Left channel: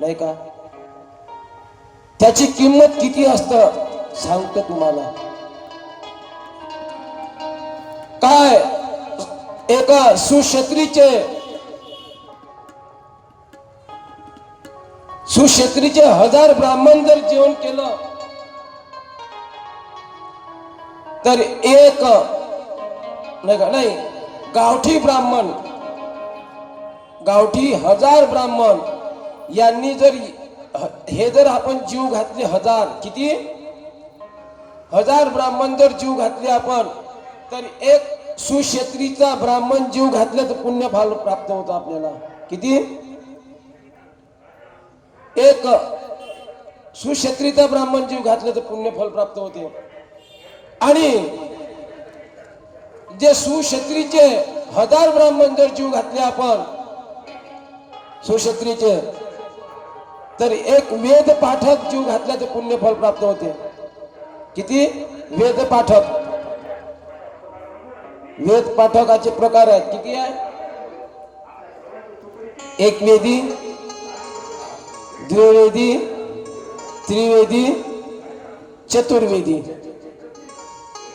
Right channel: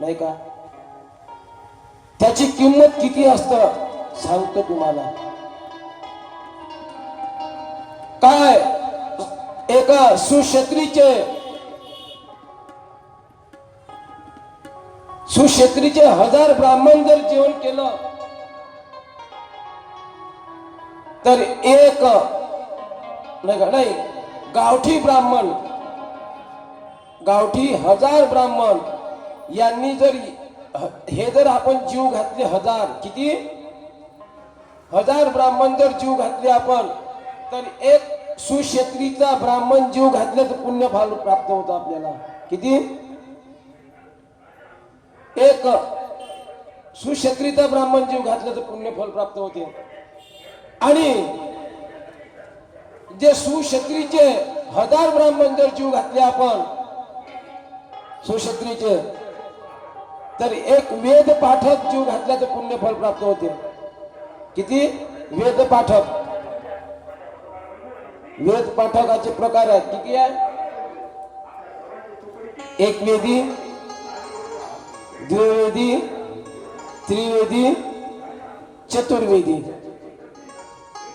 नाही का? त्याची किंमत किती असतं? सांगतो तुम्हाला. काय? एका सुशत्रीचे सुशत्रीचे हजार ब्राह्मण जर जेवण केलं तर एक नाही का? नाही गावठी ब्राह्मण गावठी हजार ब्राह्मण यांनी जर हे जर आपण जीव घातले हजार किती? हजार ब्राह्मण जर जीव घातले आपण तर एक सुक्षेत्रीचा ब्राह्मण जीव घातले तर पुण्य फल प्राप्त होतो आपल्याला. किती? एक सुक्षत्रीचा ब्राह्मण जीव घातले तर पुण्य फल प्राप्त होते. आणि जे सुक्षत्रीचे हजार ब्राह्मण जर जीव घातले आपण सुक्षत्रीचे तर एक वेद पाठक जीव घातला तर पुण्य फल प्राप्त होते. किती? वेद पाठक. वेद पाठकाचे प्रकार आहेत. किती आहे? एक वेदी द्विवेदी त्रिवेदी चतुर्वेदी.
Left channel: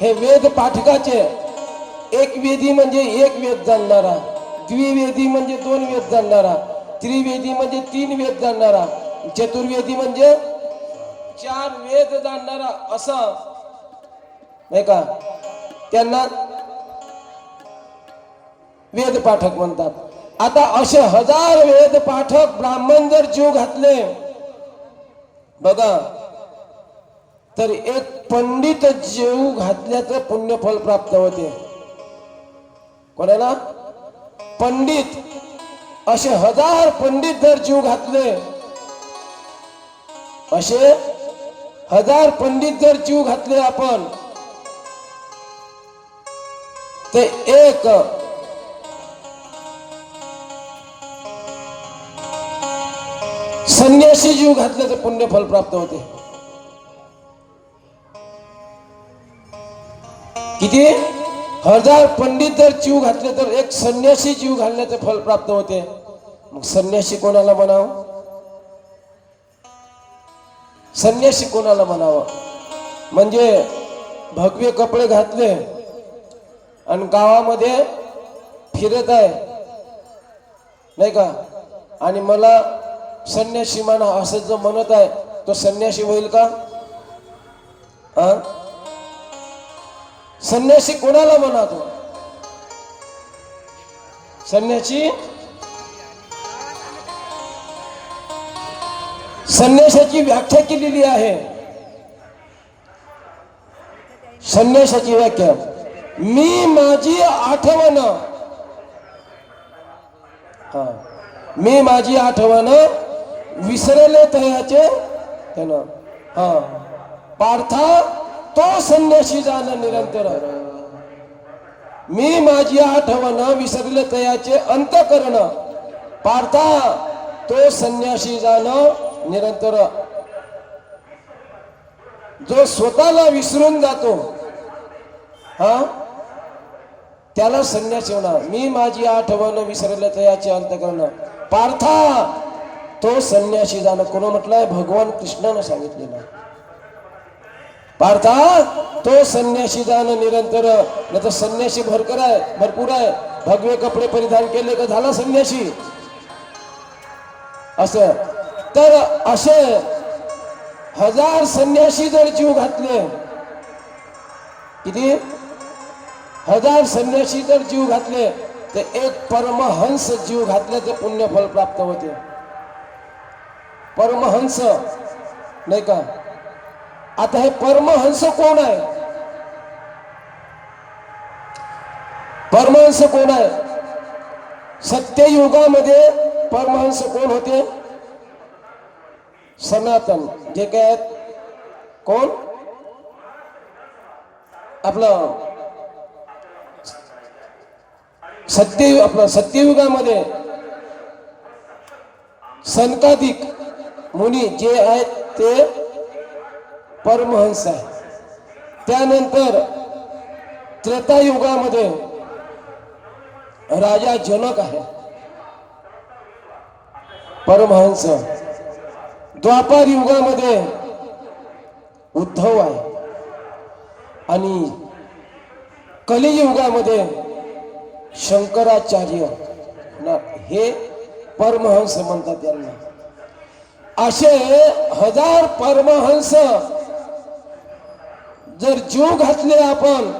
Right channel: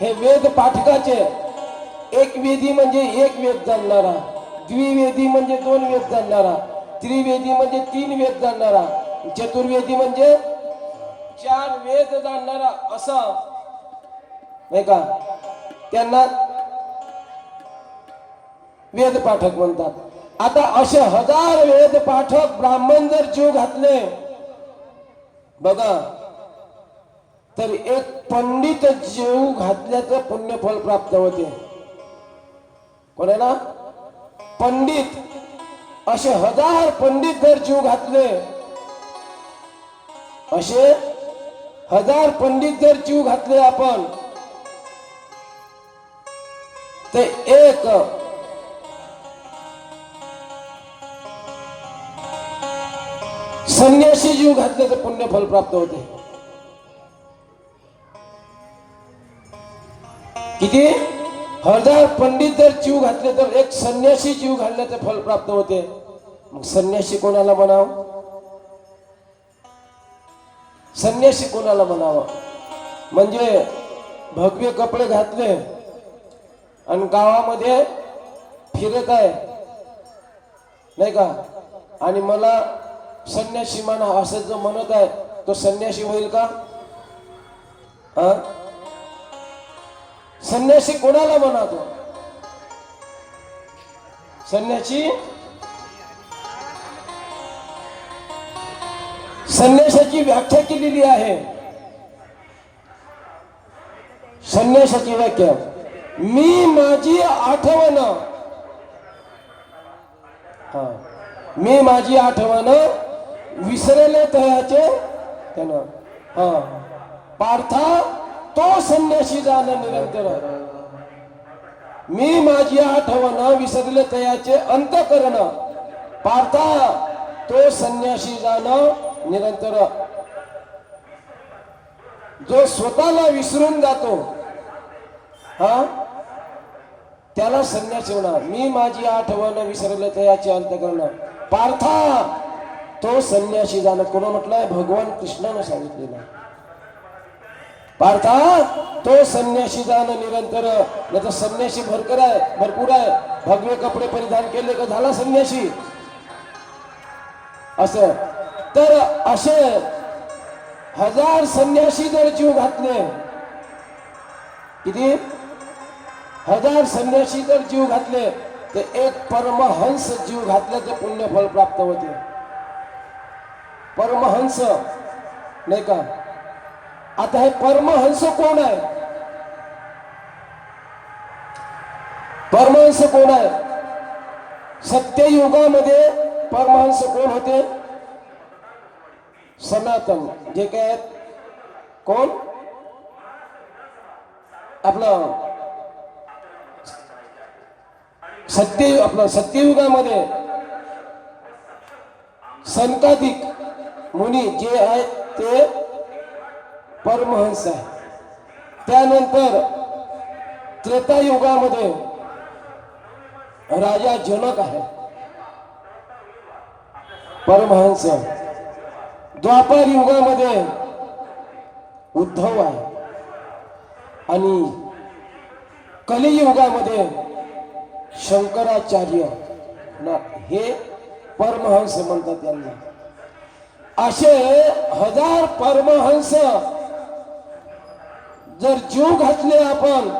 हे वेद पाठकाचे एक वेदी म्हणजे एक वेद जाणणारा द्विवेदी म्हणजे दोन वेद जाणणारा त्रिवेदी म्हणजे तीन वेद जाणणारा चतुर्वेदी म्हणजे चार वेद जाणणारा असा नाही का? त्यांना वेद पाठक म्हणतात. आता असे हजार वेद पाठक ब्राह्मण जर जीव घातले बघा तर एक पंडित जीव घातल्याचं पुण्यफल प्राप्त होते. कोणाला? पंडित. असे हजार पंडित जर जीव घातले असे हजार पंडित जर जीव घातले आपण ते एक संन्यासी जीव घातल्याचं पुण्यफल प्राप्त होते. किती? हजार पंडित जर जीव घातले तर एक संन्यासी जीव घालण्याचे फल प्राप्त होते. मग संन्यासी कोणाला म्हणावं? संन्यासी कोणाला म्हणावं? म्हणजे भगवे कपडे घातले आणि गावामध्ये फिरत आहे. नाही का? आणि मला संन्यासी म्हणा असं जो म्हणत आहे तो संन्यासी होईल का? हा? संन्यासी कोणाला म्हणा तो संन्यासी संन्यासाची व्याख्या केलेली आहे. संन्यासाची व्याख्या. मी माझी आठवण. मी माझी आठवण विसरले तयाचे. त्यानं. हा. पार्था तो संन्याशी जाणं निरंतर. मी माझी आठवण विसरले तयाचे अंत करण पार्था तो संन्याशी जाणं निरंतर जो स्वतःला विसरून जातो हा? त्याला संन्यासी येणार मी माझी आठवण विसरलं याचे अंत करणं पार्था तो संन्यासी जाणं कोण म्हटलंय? भगवान कृष्णानं सांगितलेलं पार्था तो संन्यासी जाणं निरंतर. नाही तर संन्यासी भरकर आहे भरपूर आहे. भगवे कपडे परिधान केले का झाला संन्यासी असं. तर असे हजार संन्यासी जर जीव घातले किती? हजार संन्यासी जर जीव घातले तर एक परमहंस जीव घातले तर पुण्यफल प्राप्त होते. परमहंस नाही का? आता हे परमहंस कोण आहे? परमहंस कोण आहे? सत्ययुगामध्ये परमहंस कोण होते? सनातन जे काय आहेत कोण? आपलं सत्य आपलं सत्ययुगामध्ये संताधिक मुनी जे आहेत ते परमहंस आहे त्यानंतर त्रेतायुगामध्ये राजा जनक आहे परमहंस. द्वापार युगामध्ये उद्धव आहे. आणि कलियुगामध्ये शंकराचार्य हे परमहंस म्हणतात यांना. असे हजार परमहंस जर जीव घातले आपण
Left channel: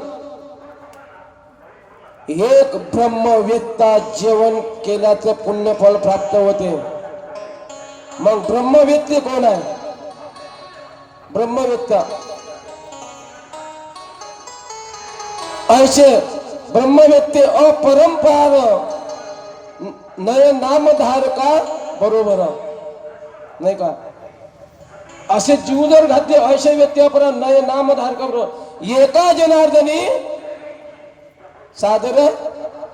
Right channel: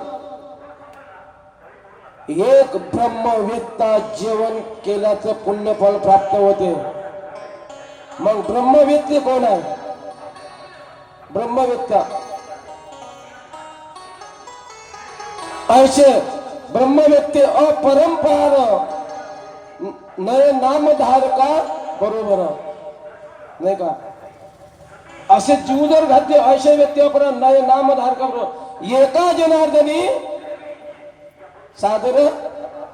एक ब्रह्मवेत्ता जेवण केल्याचं पुण्यफल प्राप्त होते. मग ब्रह्मवेत्ते कोण आहे? ब्रह्मवेत्ता. असे ब्रह्मवेत्ते अपरंपार. नय नामधारका बरोबर. नाही का? असे जीव जर घातले असे व्यक्ती अपरा नय नामधारका बरोबर. एका जनार्दनी सादर,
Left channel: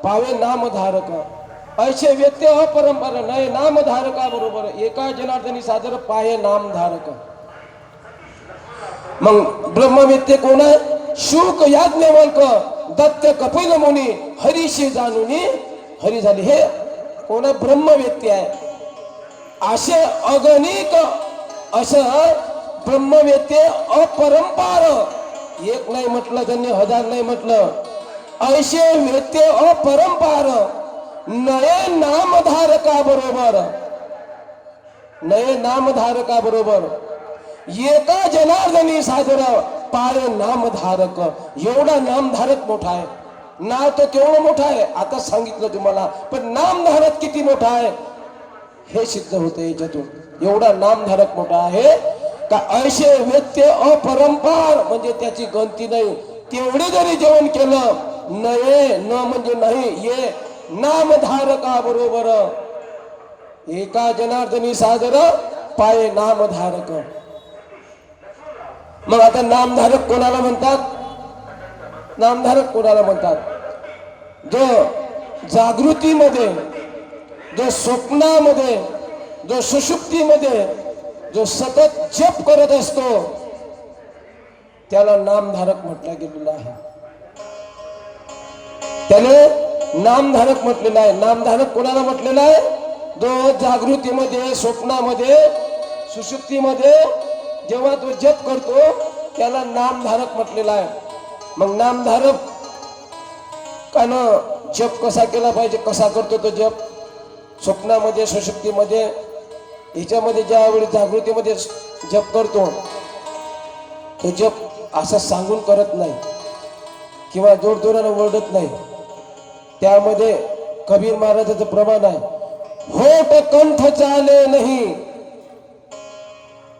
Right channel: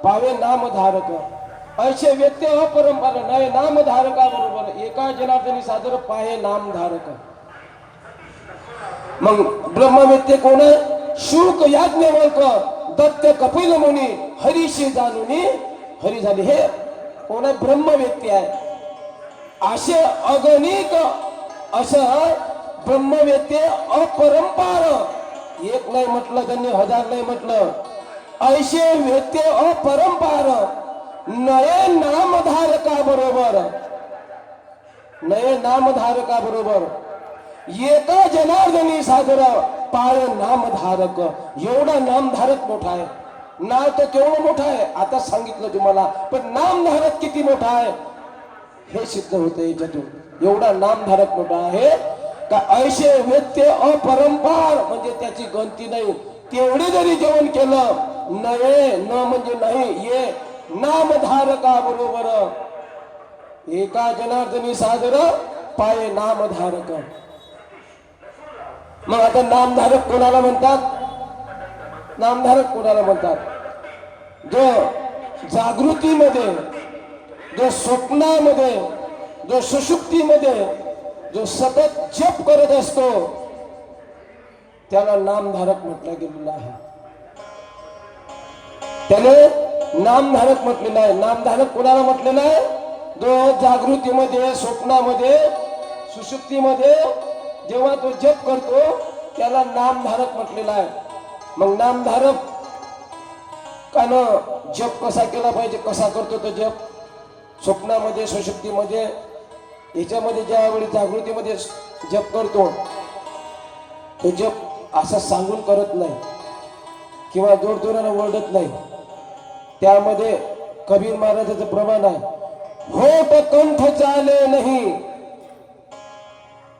पावे नामधारक. असे व्यक्ती परंपरा नय नामधारका बरोबर एका जनार्दनी सादर पाय नामधारक. मग ब्रह्मवेत्ते कोण? आहे शुक याज्ञवल्क दत्त कपिल मुनी हरीशी जाणूनी हरी झाली. हे कोण? आहे ब्रह्मवेत्ते आहे. असे अगणिक असं ब्रह्मवेत्ते अपरंपार. एक नाही म्हटलं त्यांनी हजार नाही म्हटलं. ऐशे व्यक्ती अपरंपार. नये नामधारका बरोबर नये नामधारका बरोबर एका जनार्दनी साजरा पाय नामधारक. एवढा नामधारक मोठा आहे. नाव तर केवढं मोठा आहे आता सांगितलं तुम्हाला पण नामधारक किती मोठा आहे? हे सिद्ध होतं याच्यातून. एवढा नामधारक मोठा आहे का ऐसे व्यत्य अपरंपार म्हणजे त्याची गणती नाही. तेवढे जरी जेवण केलं नये न म्हणजे नाही ये नामधारका बरोबर एका जनार्दनी सादर पाय नामधारक. मग आता नामधारक कोणाला म्हणतात? नामधारक कोणाला म्हणतात? जो जागृतीमध्ये जो स्वप्नामध्ये जो सुशुक्तीमध्ये जो सतत जप करत असतो त्याला नामधारक म्हटलं गेलेलं आहे. त्याने नामधारक म्हटलेलं आहे नामधारक कोणाला म्हटलेलं आहे जो जागृतीमध्ये स्वप्नामध्ये सुशुक्तीमध्ये जेव्हा तो जप करतो त्याला नामधारक म्हटलेला आहे मग नामधारक कानं जप कसा केला पाहिजे कसा करतो तो जप? स्वप्नामध्ये सुशक्तीमध्ये याच्यामध्ये ज्यावेळी जागृतीमध्ये जप करतो तो जप असा सांगून करत नाही. किंवा जोरजोरानं ओरडत नाही. त्यामध्ये कबीर महाराजाचं प्रमाण आहे. होट कंठ चाले नाही.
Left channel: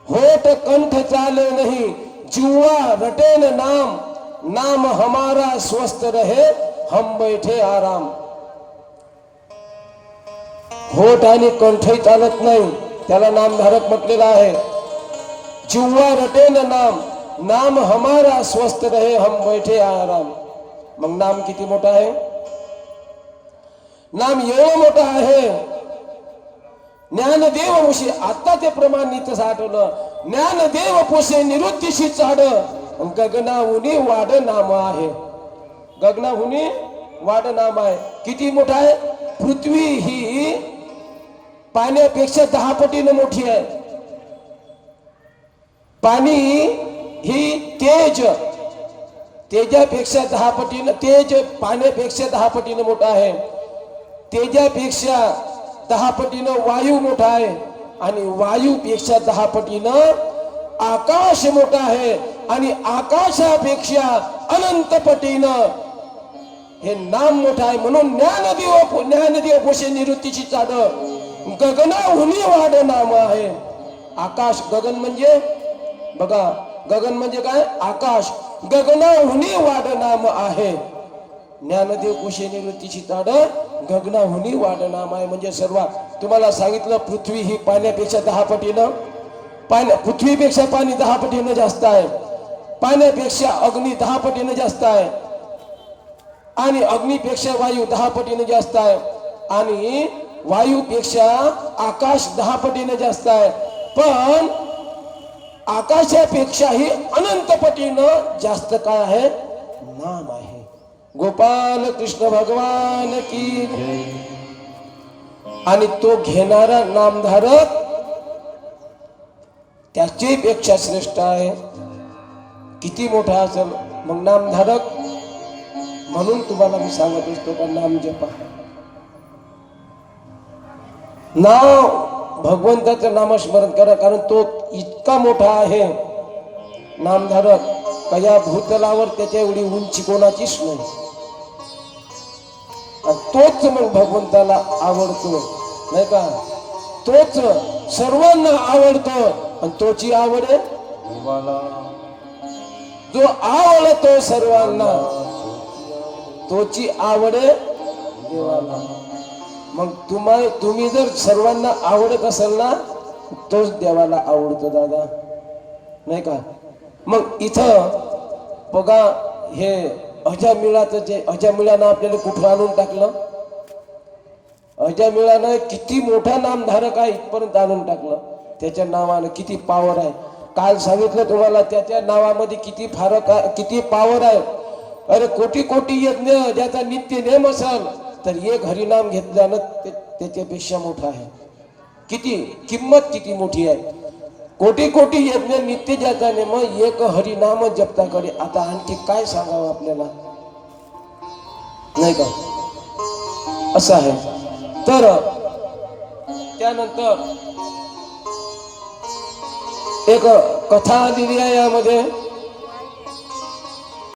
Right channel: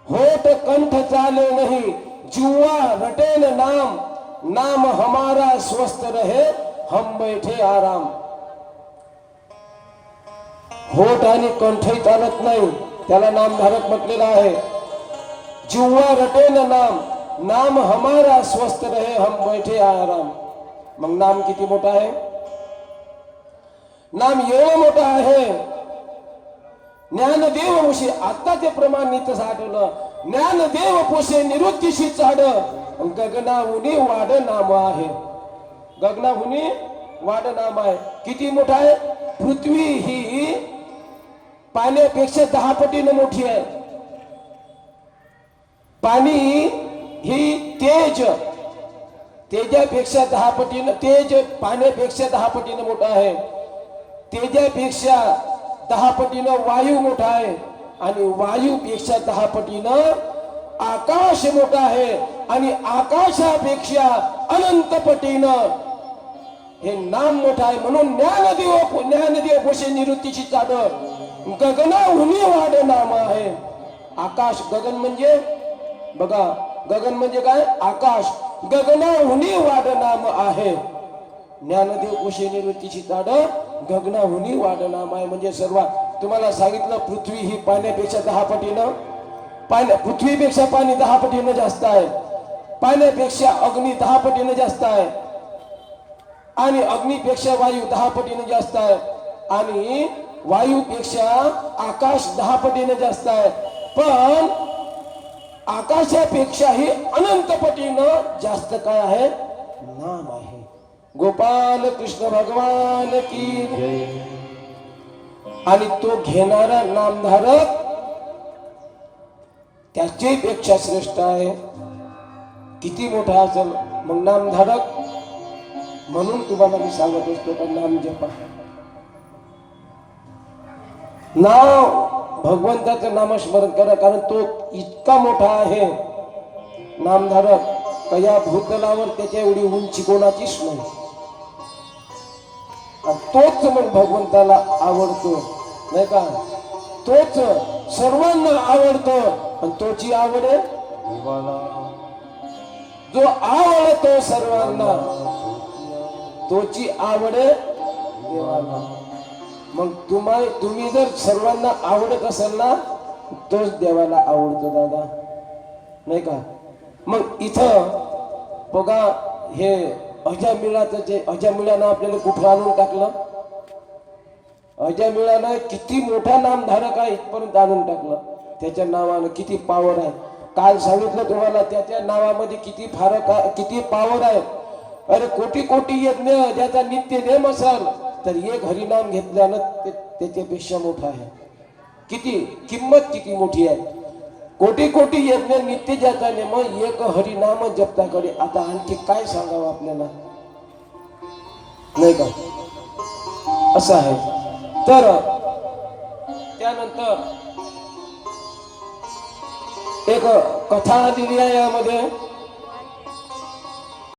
होट कंठ चाले नाही. जिव्हा रटेन नाम नाम हमारा स्वस्थ रहे हम बैठे आराम. होठ आणि कंठही चालत नाही. त्याला नामधारक म्हटलेला आहे. जिव्हा रटेन नाम नाम हमारा स्वस्थ रहे हम बैठे आराम. मग नाम किती मोठा आहे? नाम एवढं मोठं आहे. ज्ञानदेव पोषे आता ते प्रमाण नित साठवलं. ज्ञानदेव पोषे निवृत्तीशी चाड गगनाहुनी वाड नाम आहे. गगनाहुनी वाड नाम आहे. किती मोठा आहे? पृथ्वी ही पाण्यापेक्षा दहा पटीनं मोठी आहे. पाणी ही तेज. तेजापेक्षा दहा पटीनं तेज पाण्यापेक्षा दहा पटीनं मोठा आहे. तेजापेक्षा दहा पटीनं वायू मोठा आहे आणि वायूपेक्षा दहा पटीनं आकाश मोठा आहे आणि आकाशापेक्षा अनंत पटीनं हे नाम मोठं आहे म्हणून ज्ञानदेव ज्ञानदेव पोषे निवृत्तीची चाड गगनाहुनी वाढ नाम आहे. आकाश गगन म्हणजे बघा गगन म्हणजे काय? आकाश गगनाहुनी वाढ नाम आहे. ज्ञानदेव कोशे निवृत्तीची ताड गगनाहुनी वाढ म्हणजे सर्वात. तुम्हाला सांगितलं पृथ्वी ही पाण्यापेक्षा दहा पटीनं. पाण्या पृथ्वीपेक्षा पाणी दहा पटीनं जास्त आहे. पाण्यापेक्षा अग्नी दहा पटीनं जास्त आहे. आणि अग्नीपेक्षा वायू दहा पटीनं जास्त आहे. आणि वायूपेक्षा आकाश दहा पटीनं जास्त आहे. पण आकाशापेक्षाही अनंत पटीनं जास्त काय आहे? नाम आहे. गोपाल कृष्ण भगवान की आणि तो घेणारा नामधारक त्याची पेक्षा श्रेष्ठ आहे. किती मोठा असेल? मग नामधारक? म्हणून तुम्हाला मी सांगत असतो का नाम जपा. नाव भगवंताचं नामस्मरण करा कारण तो इतका मोठा आहे. नामधारक. का या भूतलावर त्याच्या एवढी उंची कोणाचीच नाही. तोच मग भगवंताला आवडतो. नाही का? तोच सर्वांना आवडतो. आणि तोची आवड आहे? जो आवडतो सर्वांना तोची आवड आहे? देवाला. मग तुम्हाला तुम्ही जर सर्वांना आवडत असाल ना तोच देवाला आवडतो दादा. नाही का? मग इथं बघा हे अजामिळाचं जे अजामिळानं आपल्याला कुठं आणून टाकलं? अजामिळानं किती मोठा नामधारक आहे इथपर्यंत आणून टाकलं. त्याच्या नावानं किती पावर आहे. काल सांगितलं तुम्हाला त्याच्या नावामध्ये किती फारक आहे किती पावर आहे. अरे कोटी कोटी यज्ञ ज्याचा नित्य नेम असाल तर एक हरिनाम घेतल्यानं ते त्याच्यापेक्षा मोठा आहे. किती किंमत किती मोठी आहे. कोटी कोटी यज्ञ नित्य ज्याचा मग एक हरिनाम जपताकडे आता आणखी काय सांगावं आपल्याला? नाही का? असं आहे. तर त्यानंतर एक कथा दिली आहे यामध्ये.